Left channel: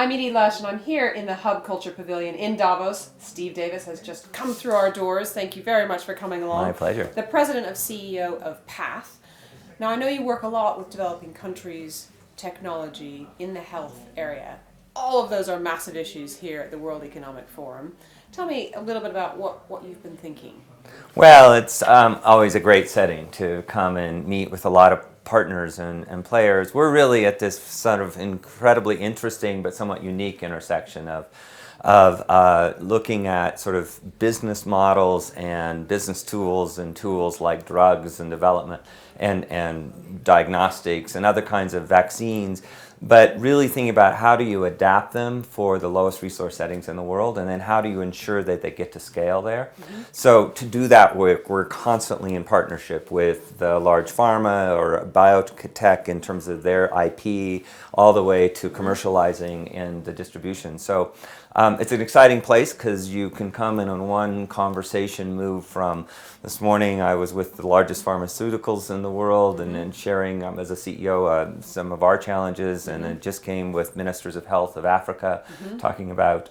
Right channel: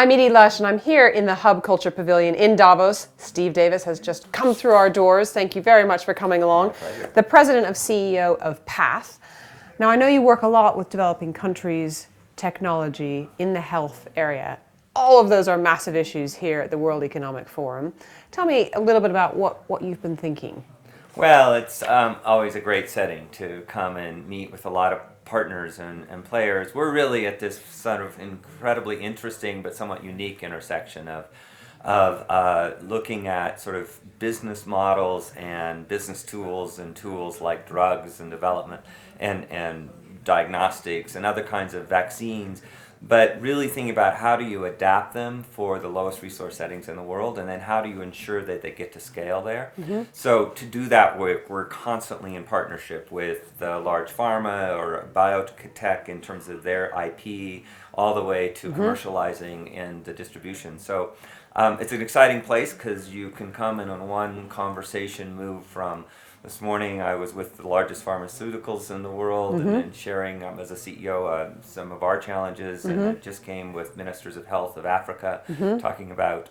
I'm Edie Lush, and I'm here in the Hub Culture Pavilion in Davos. Steve Davis has just come through our doors. Thank you very much for coming along. My pleasure. The president and CEO of PATH. Now, I know you work a lot with developing countries' technology in the health area. All of those are massive issues here at the World Economic Forum. Tell me a little bit about what you've been thinking. Well, it's always a great setting to come and meet with a lot of partners and players. We're really at this sort of incredibly interesting but somewhat unique intersection of looking at sort of business models and business tools and tools like drugs and development and diagnostics and other kinds of vaccines, but really thinking about how do you adapt them for the lowest resource settings in the world, and then how do you ensure that they get to scale there. Mm-hmm. So to do that, we're constantly in partnership with the large pharma or biotech in terms of their IP, all the way to commercializing and the distribution. So it's an exciting place because you can come and in one conversation move from this morning I was with the largest pharmaceuticals in the world and then sharing as a CEO some of our challenges, and it just came with ministers of health of Africa talking about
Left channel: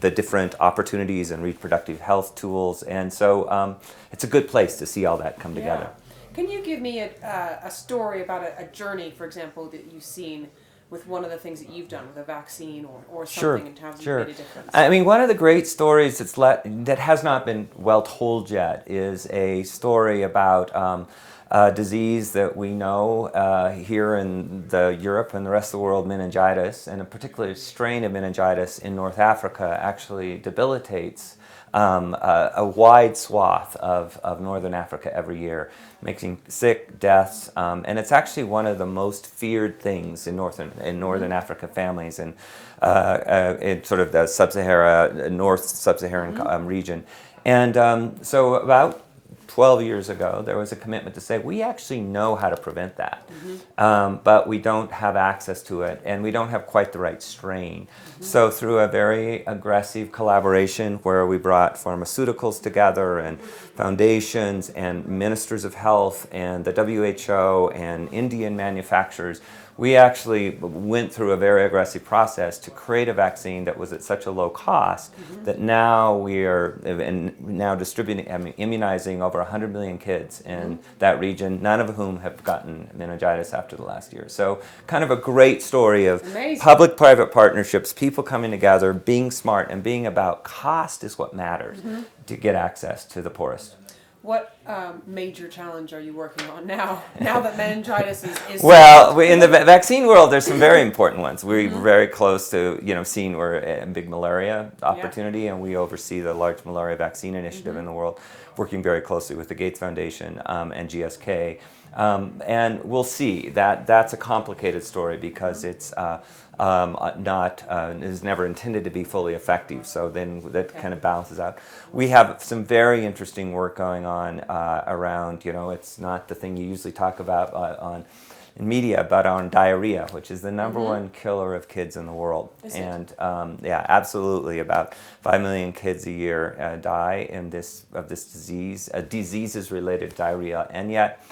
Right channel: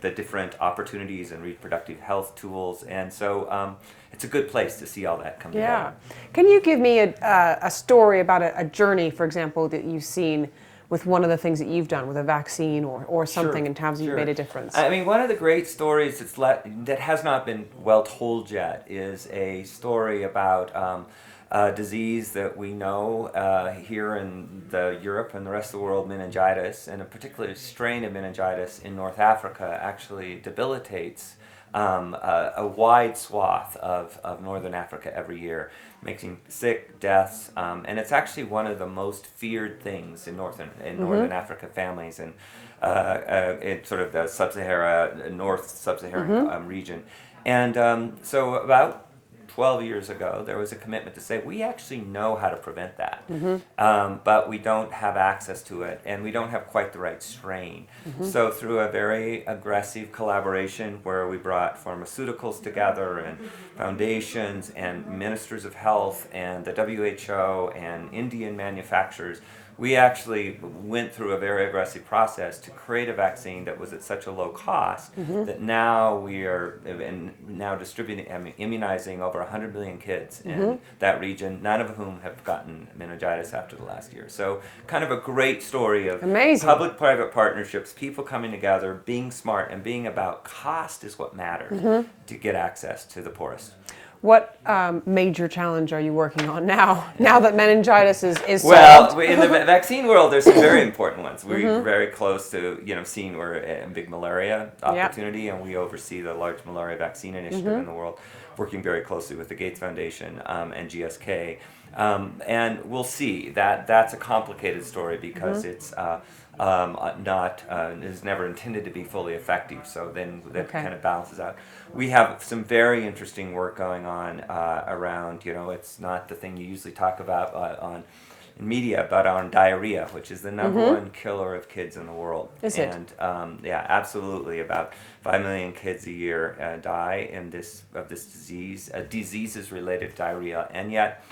the different opportunities and reproductive health tools, and so it's a good place to see all that come together. Can you give me a story about a journey, for example, that you've seen with one of the things that you've done with a vaccine or something in terms of you've made a difference? I mean, one of the great stories that has not been well told yet is a story about a disease that we know here in Europe and the rest of the world, meningitis, and a particular strain of meningitis in North Africa actually debilitates a wide swath of Northern Africa every year, making sick, deaths, and it's actually one of the most feared things in Northern Africa families and in sort of the North Sub-Saharan region. And so about 12 years ago, there was a commitment to say, we actually know how to prevent that, but we don't have access to it, and we don't have quite the right strain. So through a very aggressive collaboration where we brought pharmaceuticals together and foundations and ministers of health and the WHO and Indian manufacturers, we actually went through a very aggressive process to create a vaccine that was at such a low cost that now we are distributing, immunizing over 100 million kids in that region, none of whom have gotten meningitis after the last year. So kind of a great story of public-private partnerships, people coming together, being smart, and being about cost is what matters to get access to the poorest. What major challenge are you working on now that meningitis is well, in the vaccine world, there's some very important ones. We're very close to, seeing we're a big malaria opportunity, and we oversee the large malaria vaccine initiative in the world, working very closely with the Gates Foundation and GSK. And we'll see. That's a complicated story because it's is never intended to be fully effective, so then that kind of balances out. We have some very interesting work going on around, it's not the thing you usually talk about in media, but on diarrhea, which is the number one killer of kids in the world. Is it? And yeah, absolutely. About 5 million kids a year die of this disease. Diseases-related diarrhea, and yet,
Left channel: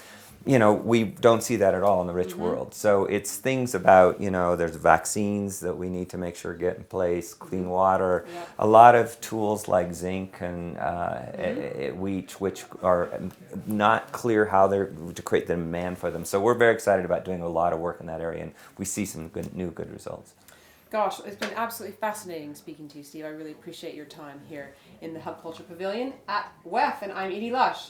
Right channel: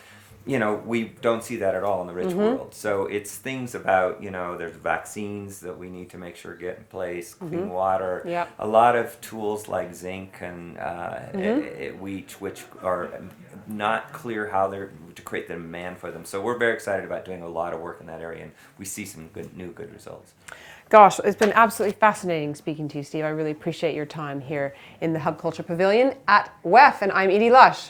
we don't see that at all in the rich world. So it's things about, there's vaccines that we need to make sure get in place, clean water, a lot of tools like zinc and wheat, which are not clear how they're to create the demand for them. So we're very excited about doing a lot of work in that area, and we see some good results. Gosh, it's been absolutely fascinating speaking to you, Steve. I really appreciate your time here in the Hub Culture Pavilion at WEF, and I'm Edie Lush.